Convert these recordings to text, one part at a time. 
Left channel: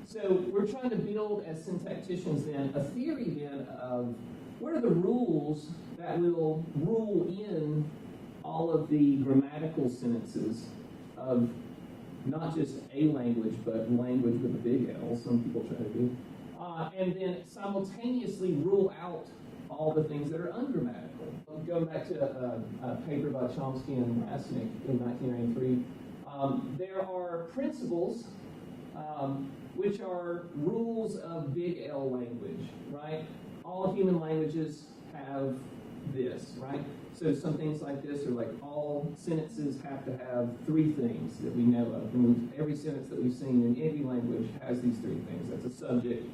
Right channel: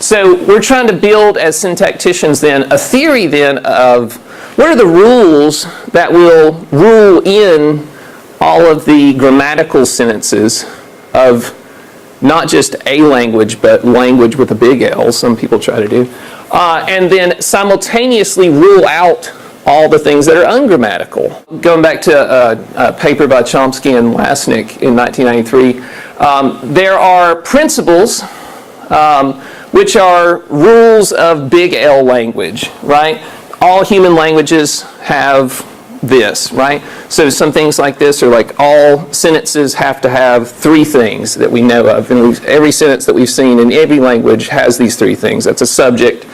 So we're trying to build, as syntacticians then, a theory then of what are the rules that will rule in all of the grammatical sentences of not just a language, but language with a big L, some people try to do, and then simultaneously rule out all the things that are ungrammatical. Going back to a paper by Chomsky and Lasnik in 1993, there are principles which are rules of big L language, right? All human languages have this, right? So some things like this are like all sentences have to have three things that we know of. And every sentence that we've seen in every language has these three things. That's a subject,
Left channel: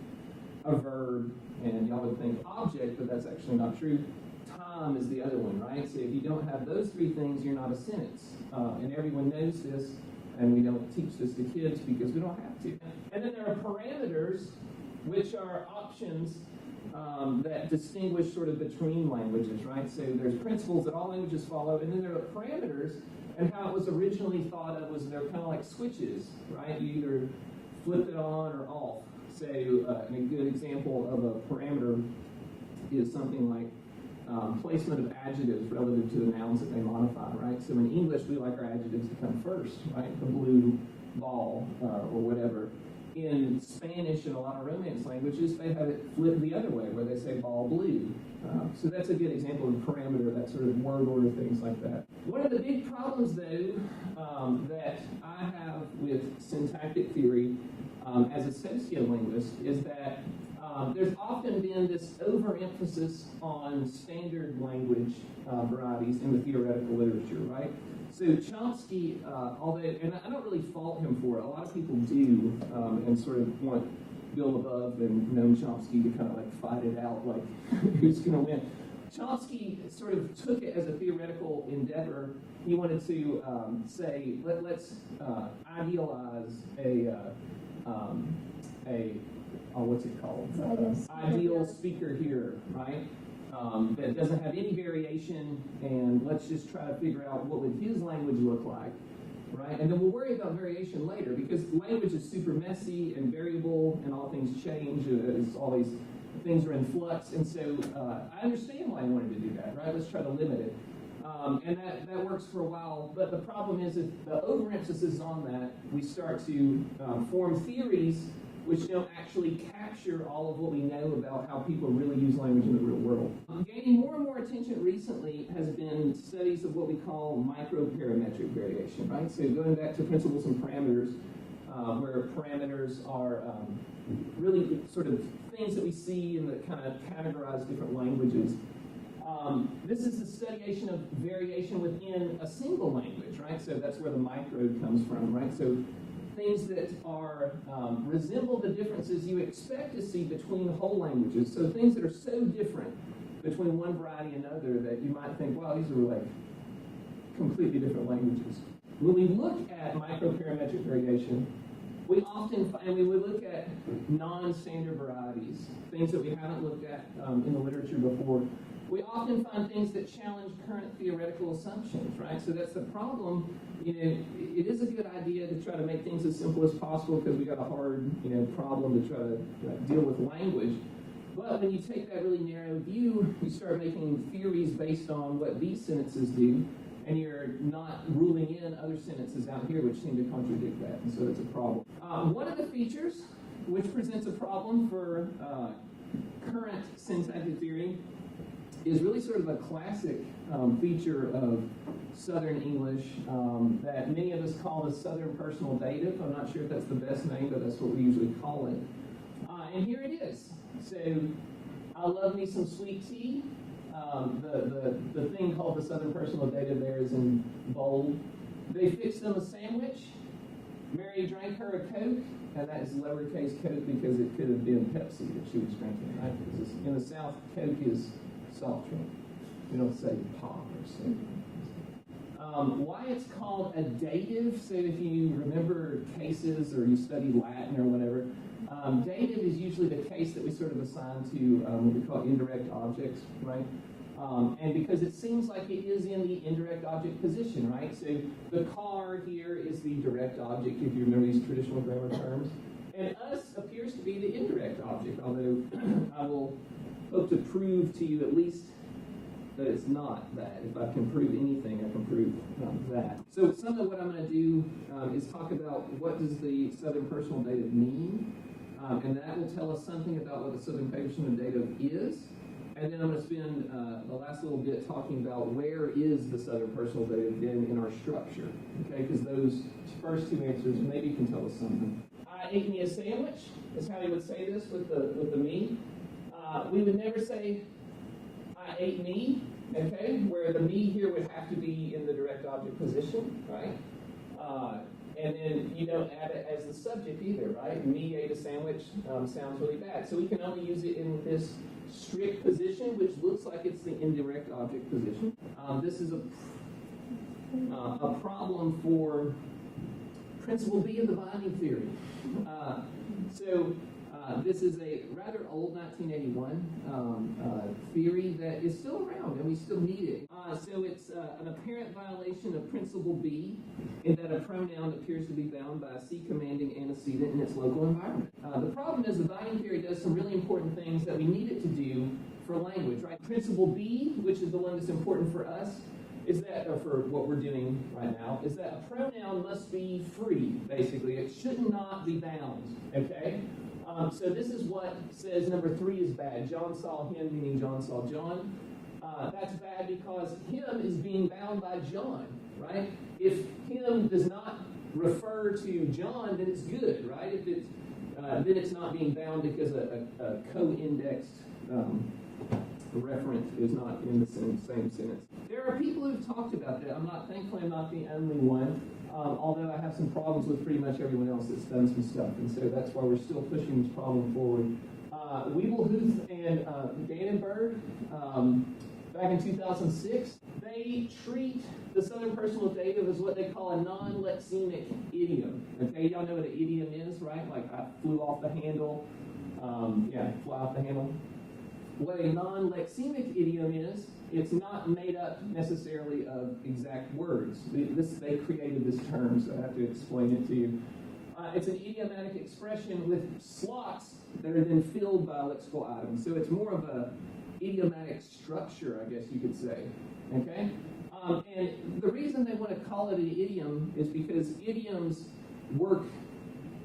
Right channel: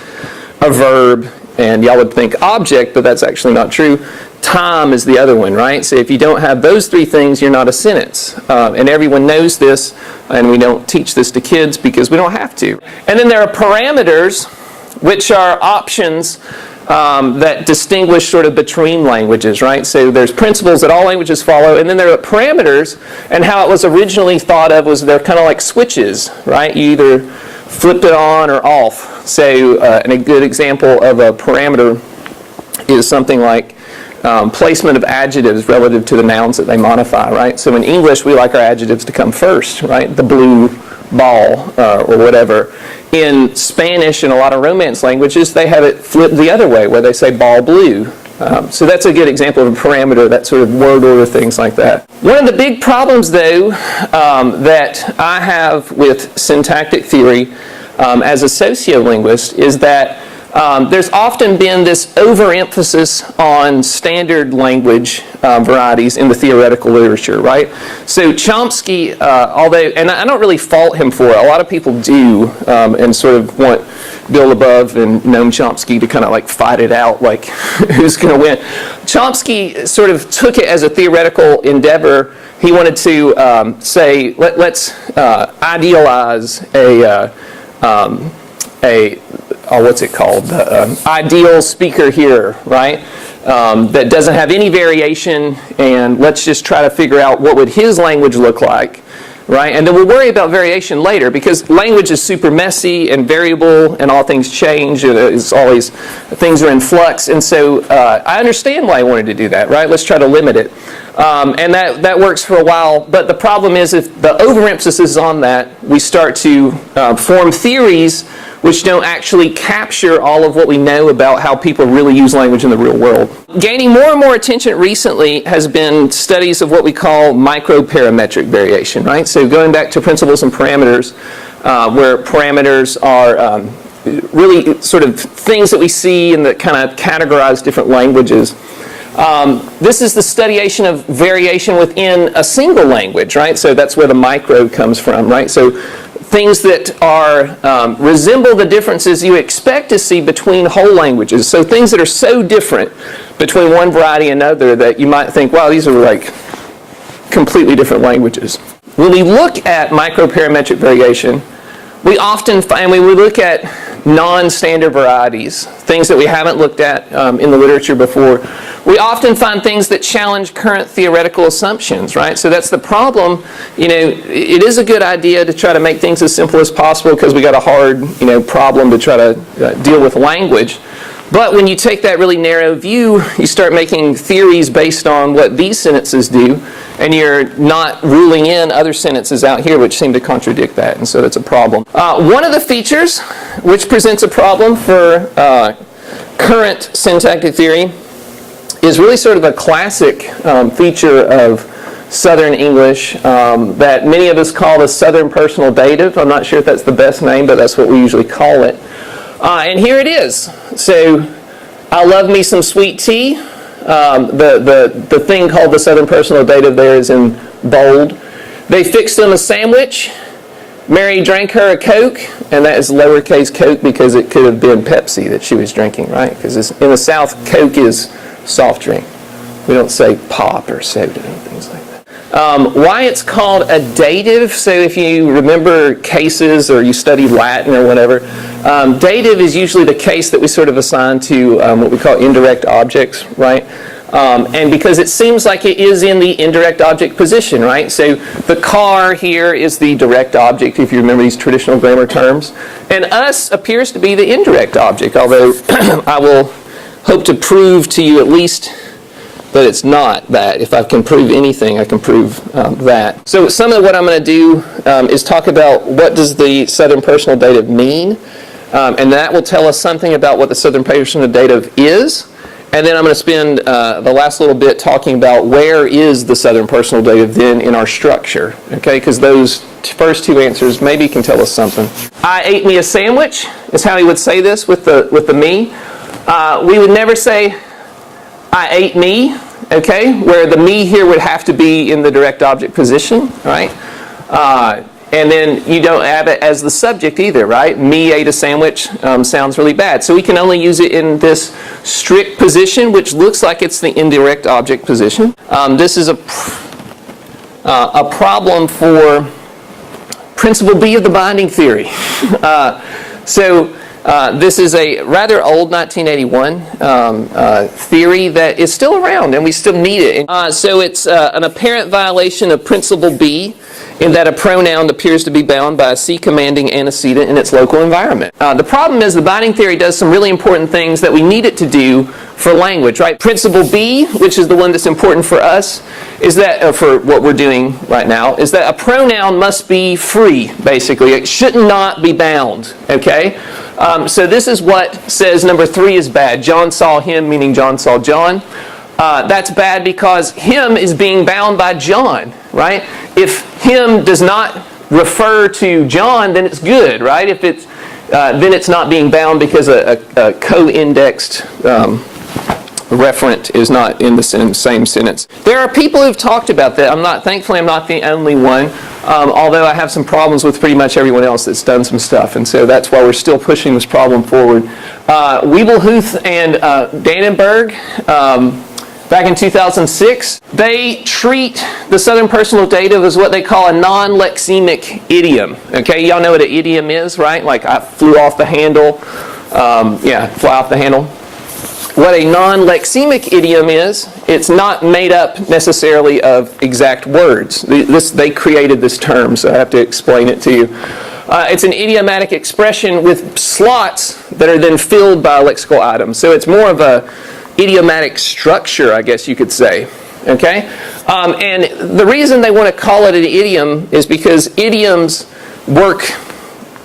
a verb, and y'all would think object, but that's actually not true. Time is the other one, right? So if you don't have those three things, you're not a sentence. And everyone knows this, and we don't teach this to kids because we don't have to. And then there are parameters, which are options that distinguish sort of between languages, right? So there's principles that all languages follow, and then there are parameters, and how it was originally thought of was they're kind of like switches, right? You either flipped it on or off. So and a good example of a parameter is something like placement of adjectives relative to the nouns that they modify, right? So in English, we like our adjectives to come first, right? The blue ball or whatever. In Spanish and a lot of Romance languages, they have it flipped the other way, where they say ball blue. So that's a good example of a parameter, that sort of word order, things like that. One of the big problems, though, that I have with syntactic theory as a sociolinguist is that there's often been this overemphasis on standard language varieties in the theoretical literature, right? So Chomsky, although, and I don't really fault him for it, a lot of people do, and sort of want Bill Above and Noam Chomsky to kind of like fight it out, like who's going to win. Chomsky sort of took it as a theoretical endeavor. He wanted to say, let's idealize what's it called? Ideal speaker here, right? That doesn't have any variation, and let's just try to figure out what would his language look like, right? And then we'll worry about variation later, because language is super messy and variable, and all things change. It's always, things are in flux, and so I understand why he wanted to do that, right? Let's try to limit it. And that works for a while, but the problem is if the overemphasis is on that, we start to form theories which don't actually capture all of what we know about how people really use language in the real world. Gaining more and more attention recently has been studies of what we call microparametric variation, right? So going back to principles and parameters, where parameters are really sort of things that we see and that kind of categorize different languages. This is the studiation of variation within a single language, right? So that's where the micro comes from, right? So things that are resemble the differences you expect to see between whole languages. So things that are so different between one variety and another that you might think, wow, these are like completely different languages. When we look at microparametric variation, we often find, when we look at non-standard varieties, things that we haven't looked at in the literature before, we often find things that challenge current theoretical assumptions, right? So that's the problem. You know, it is a good idea to try to make things as simple as possible because we got a hard, problem to try to deal with language. But when you take that really narrow view, you start making theories based on what these sentences do, and you're not ruling in other sentences out here which seem to contradict that, and so that's a problem. One of the features which presents a problem for current syntactic theory is really sort of a classic feature of Southern English that many of us call the Southern personal dative. I'm not sure if that's the best name, but that's what we usually call it. And here it is. So, I love me some sweet tea. The thing called the Southern personal dative there is in bold. They fixed him a sandwich. Mary drank her a Coke, and that is lowercase Coke because it could have been Pepsi that she was drinking, right? Because in the South, Coke is soft drink. We don't say pop or soda and things like that. Why it's called a dative, so if you remember cases or you study Latin or whatever, dative is usually the case that we sort of assign to what we call indirect objects, right? And because it seems like it is in the indirect object position, right? So the car here is the direct object, if you remember these traditional grammar terms. And us appears to be the indirect object, although I will hope to prove to you at least that it's not that. If I can prove anything, I can prove that. So some of what I'm going to do is talk about what does the Southern Personal Dative mean, and that will tell us something about what the Southern Personal Dative is. And then I'm going to spend the last little bit talking about where is the Southern Personal Dative then in our structure, okay? Because those first two answers maybe can tell us something. I ate me a sandwich is how he would say this with the me. We would never say I ate me, okay? Where the me here would have to be in the direct object position, right? And then you don't have it as the subject either, right? Me ate a sandwich sounds really bad. So we can only use it in this strict position, which looks like it's the indirect object position. This is a problem for principle B of the binding theory. This is a rather old 1981 theory that is still around, and we still need it. So it's an apparent violation of principle B in that a pronoun appears to be bound by a C commanding antecedent in its local environment. The problem is the binding theory does some really important things that we need it to do for language, right? Principle B, which is the one that's important for us, is that, for what we're doing right now, is that a pronoun must be free, basically. It should not be bound, okay? So this is what says number 3 is bad. John saw him, meaning John saw John. That's bad because him is being bound by John, right? If him does not refer to John, then it's good, right? If it's then it's not being bound because a co-indexed referent is not in the same sentence. There are people who've talked about that. Thankfully, I'm not the only one. Although I have some problems with pretty much everyone else that's done some stuff, and so that's why we're still pushing this problem forward. Wiebelhuth and Dannenberg, back in 2006, they treat the Southern Personal Dative as what they call a non-lexemic idiom. Okay, y'all know what an idiom is, right? Like I flew off the handle. Fly off the handle. What a non-lexemic idiom is, it's not made up necessarily of exact words. They created this term, so I have to explain it to you. It's an idiomatic expression with slots that are then filled by lexical items. So it's more of a idiomatic structure, I guess you could say. Okay? And the reason they want to call it an idiom is because idioms work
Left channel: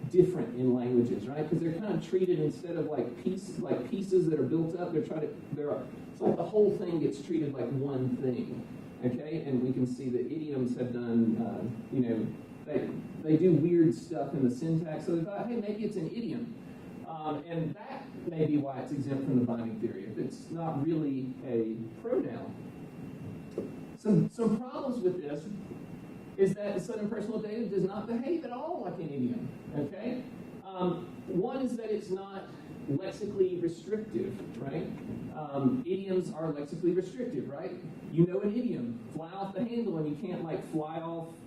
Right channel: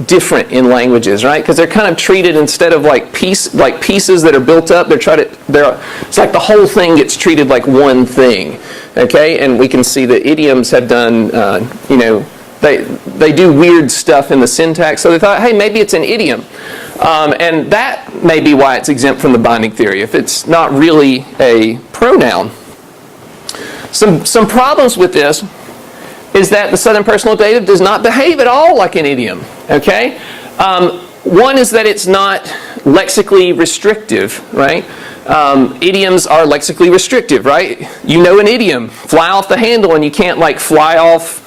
different in languages, right? Because they're kind of treated instead of like pieces that are built up. It's like the whole thing gets treated like one thing. Okay? And we can see that idioms have done, they do weird stuff in the syntax. So they thought, hey, maybe it's an idiom. And that may be why it's exempt from the binding theory, if it's not really a pronoun. Some problems with this is that the Southern Personal Dative does not behave at all like an idiom. Okay? One is that it's not lexically restrictive, right? Idioms are lexically restrictive, right? You know an idiom, fly off the handle, and you can't like fly off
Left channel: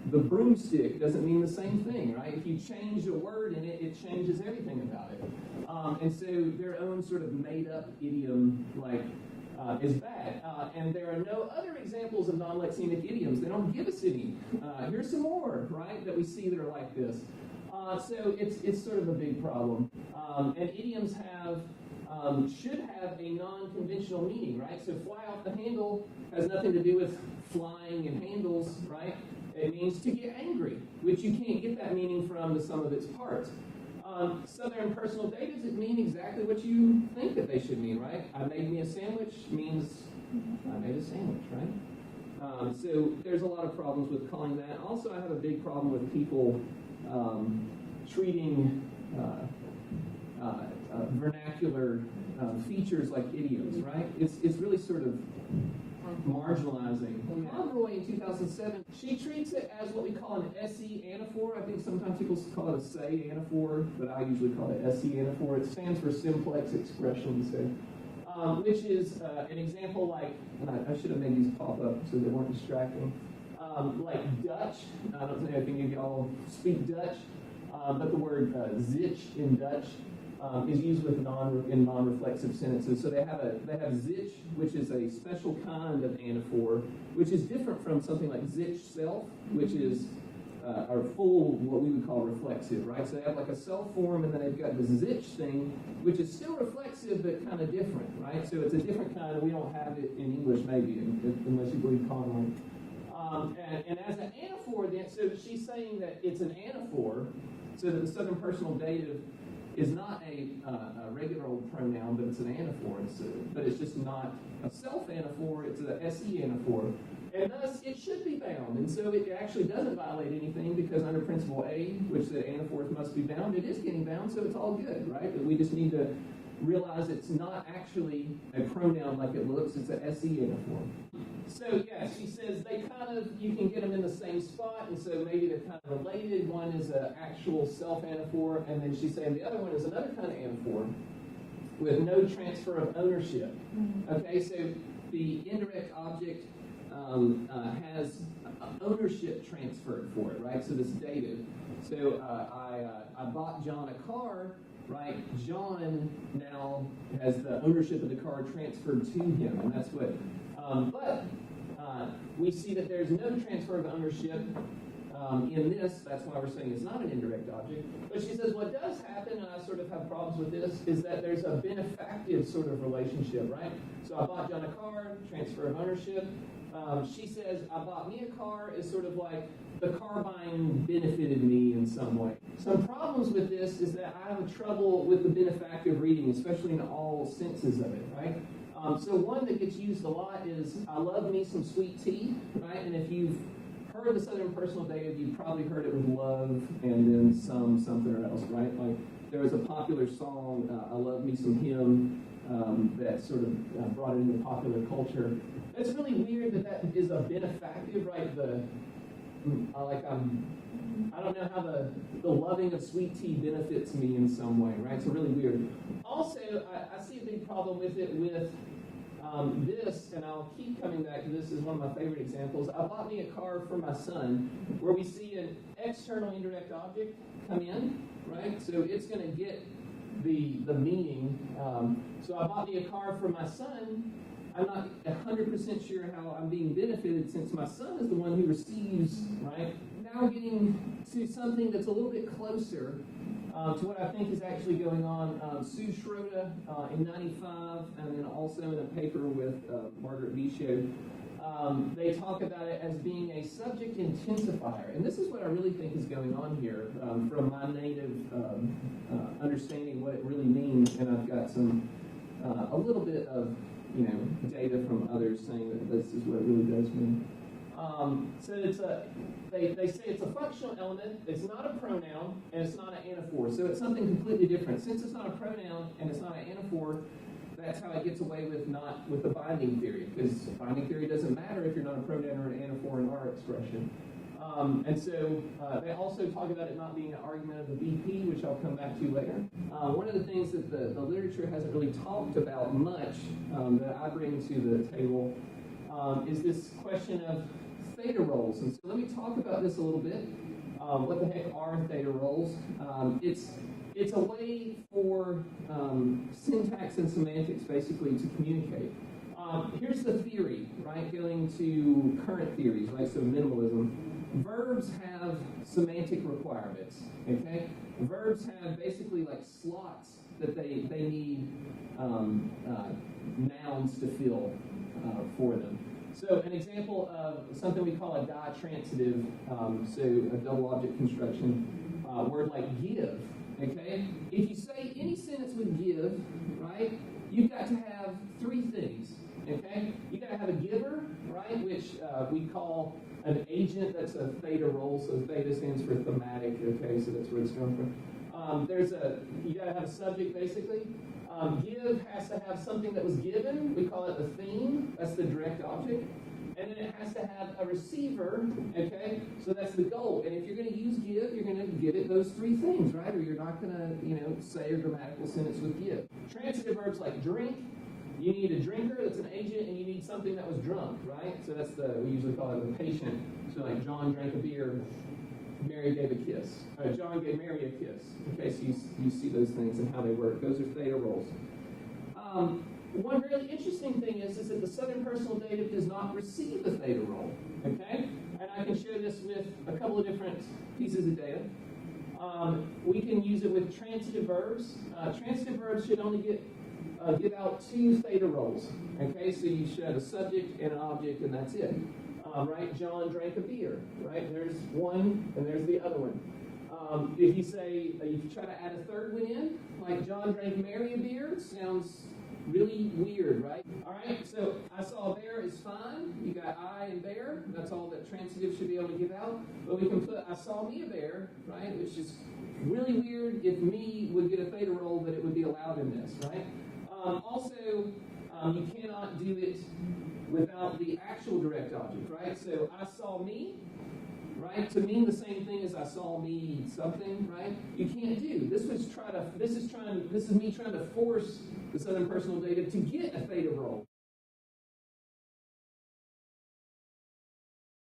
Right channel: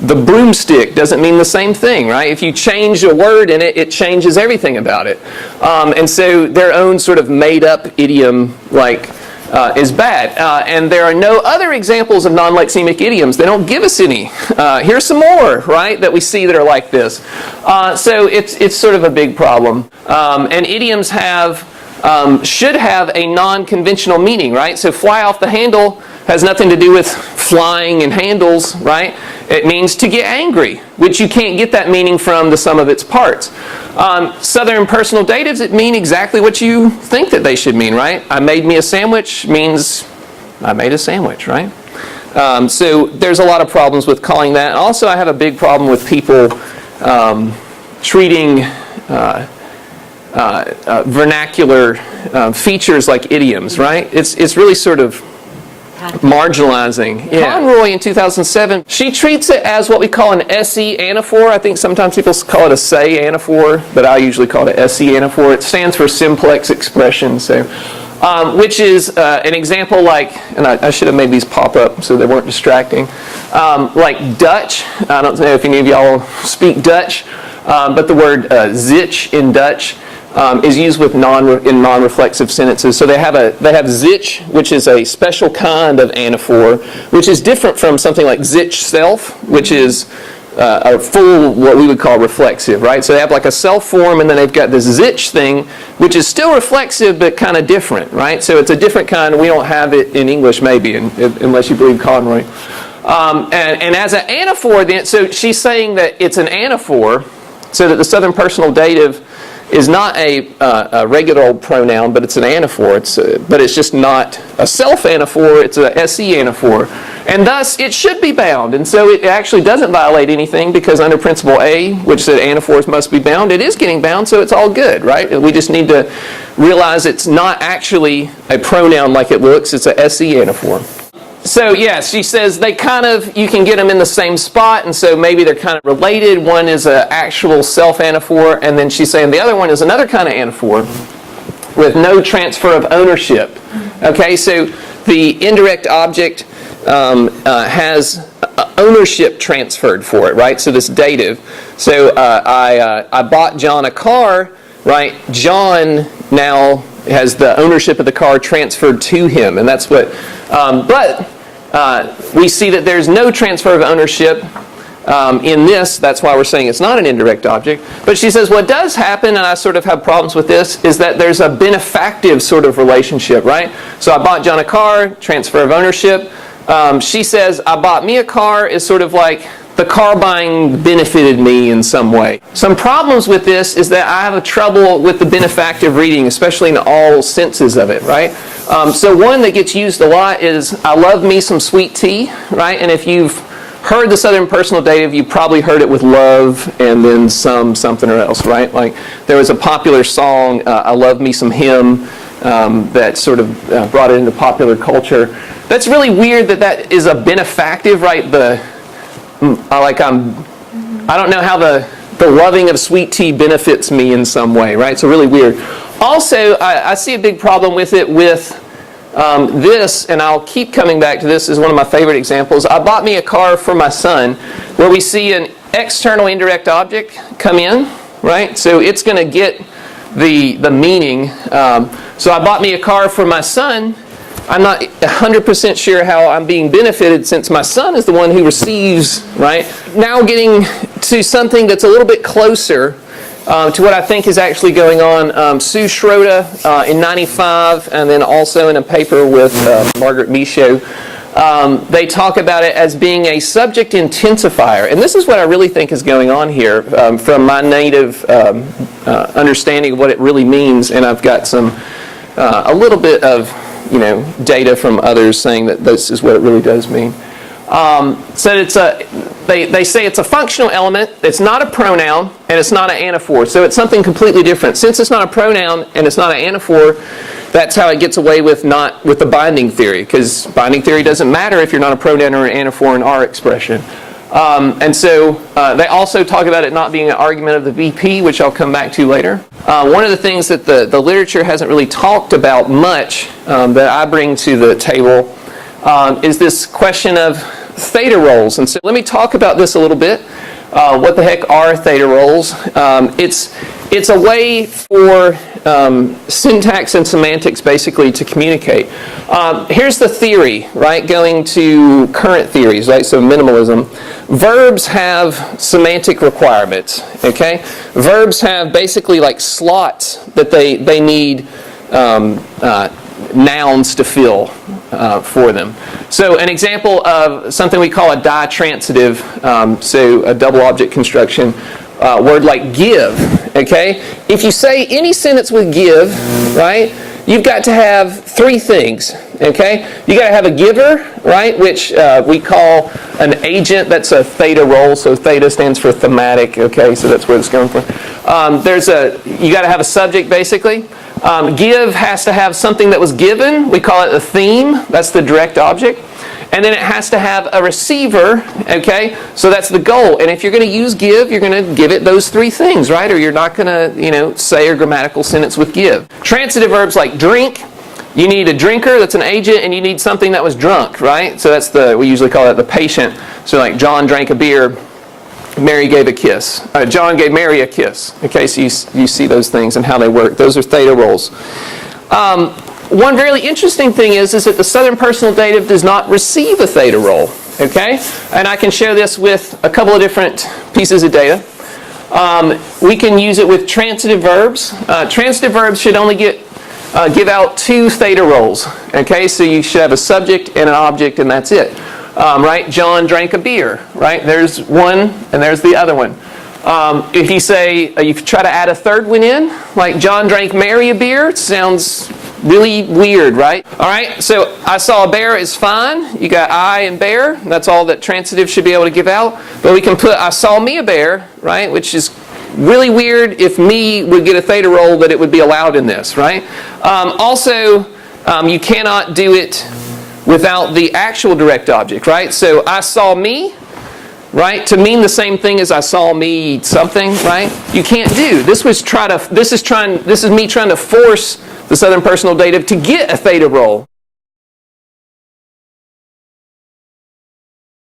the broomstick. Doesn't mean the same thing, right? If you change a word in it, it changes everything about it. And so their own sort of made-up idiom is bad. And there are no other examples of non-lexemic idioms. They don't give us any. Here's some more, right, that we see that are like this. So it's sort of a big problem. And idioms should have a non-conventional meaning, right? So fly off the handle has nothing to do with flying and handles, right? It means to get angry, which you can't get that meaning from the sum of its parts. Southern Personal Datives, it mean exactly what you think that they should mean, right? I made me a sandwich means I made a sandwich, right? So there's a lot of problems with calling that. Also, I have a big problem with people treating vernacular features like idioms, right? It's really sort of marginalizing. Yeah. Conroy in 2007, she treats it as what we call an SE anaphor. I think sometimes people call it a say anaphor, but I usually call it SE anaphor. It stands for simplex expression, so which is an example like, and I should have made these pop up so they weren't distracting, like Dutch. I don't know if any of y'all speak Dutch, but the word zich in Dutch is used with in non-reflexive sentences. So they have sich, which is a special kind of anaphor, which is different from something like sich self, which is a full, what we would call reflexive, right? So they have like a self form, and then they've got this sich thing, which is still reflexive, but kind of different, right? So it's a different kind. We don't have it in English, maybe, unless you believe Conroy. And as an anaphor, then, so she's saying that it's an anaphor, so that the Southern Personal Dative is not a regular old pronoun, but it's an anaphor. But it's just not a self-anaphor, it's a SE anaphor. And thus, it should be bound. And so it actually doesn't violate anything, because under Principle A, which said anaphors must be bound, it is getting bound, so it's all good, right? We just need to realize it's not actually a pronoun like it looks, it's a SE anaphor. So yes, she says they kind of, you can get them in the same spot, and so maybe they're kind of related. One is an actual self-anaphor, and then she's saying the other one is another kind of anaphor with no transfer of ownership. Okay, so the indirect object has ownership transferred for it, right? So this dative. So I bought John a car, right? John now has the ownership of the car transferred to him, and that's what. But we see that there's no transfer of ownership in this. That's why we're saying it's not an indirect object. But she says what does happen, and I sort of have problems with this, is that there's a benefactive sort of relationship, right? So I bought John a car, transfer of ownership. She says I bought me a car is sort of like the car buying benefited me in some way. Some problems with this is that I have a trouble with the benefactive reading, especially in all senses of it, right? So one that gets used a lot is I love me some sweet tea, right? And if you've heard the Southern Personal Dative, you probably heard it with love and then something or else, right? Like there was a popular song, I love me some him, that sort of brought it into popular culture. That's really weird that is a benefactive, right? I don't know how the loving of sweet tea benefits me in some way, right? So really weird. Also, I see a big problem with it with this, and I'll keep coming back to this as one of my favorite examples. I bought me a car for my son, where we see an external indirect object come in, right? So it's going to get the meaning. So I bought me a car for my son. I'm not 100% sure how I'm being benefited, since my son is the one who receives, right? Now getting to something that's a little bit closer to what I think is actually going on. Sue Schroeder in 95, and then also in a paper with Margaret Michaud, they talk about it as being a subject intensifier. And this is what I really think is going on here from my native understanding of what it really means. And I've got a little bit of data from others saying that this is what it really does mean. So they say it's a functional element, it's not a pronoun, and it's not an anaphor. So it's something completely different. Since it's not a pronoun and it's not an anaphor, that's how it gets away with the binding theory, because binding theory doesn't matter if you're not a pronoun or an anaphor in our expression. And so they also talk about it not being an argument of the VP, which I'll come back to later. One of the things that the literature hasn't really talked about much that I bring to the table is this question of theta roles. And so let me talk about this a little bit. What the heck are theta roles? It's a way for syntax and semantics basically to communicate. Here's the theory, right? Going to current theories, right? So minimalism. Verbs have semantic requirements, okay? Verbs have basically like slots that they need nouns to fill for them. So an example of something we call a ditransitive, so a double object construction, word like give, okay? If you say any sentence with give, right, you've got to have three things, okay? You got to have a giver, right, which we call an agent. That's a theta role, so theta stands for thematic, okay, so that's where it's going from. You got to have a subject, basically. Give has to have something that was given. We call it a theme. That's the direct object. And then it has to have a receiver, okay? So that's the goal. And if you're going to use give, you're going to give it those three things, right? Or you're not going to, say a grammatical sentence with give. Transitive verbs like drink, you need a drinker, that's an agent, and you need something that was drunk, right? So that's we usually call that the patient. So like John drank a beer. Mary gave a kiss. John gave Mary a kiss. Okay, so you see those things and how they work. Those are theta roles. One really interesting thing is that the Southern personal dative does not receive a theta role. Okay, and I can show this with a couple of different pieces of data. We can use it with transitive verbs. Transitive verbs should only give out 2 theta roles. Okay, so you should have a subject and an object, and that's it. Right? John drank a beer. Right? There's one, and there's the other one. If you say, you try to add a third one in, like John drank Mary a beer, it sounds really weird, right? All right, so I saw a bear is fine. You got I and bear. That's all that transitive should be able to give out. But we can put I saw me a bear, right? Which is really weird if me would get a theta role that it would be allowed in this, right? Also, you cannot do it without the actual direct object, right? So I saw me, right? To mean the same thing as I saw me eat something, right? You can't do. This is me trying to force the Southern personal dative to get a theta role.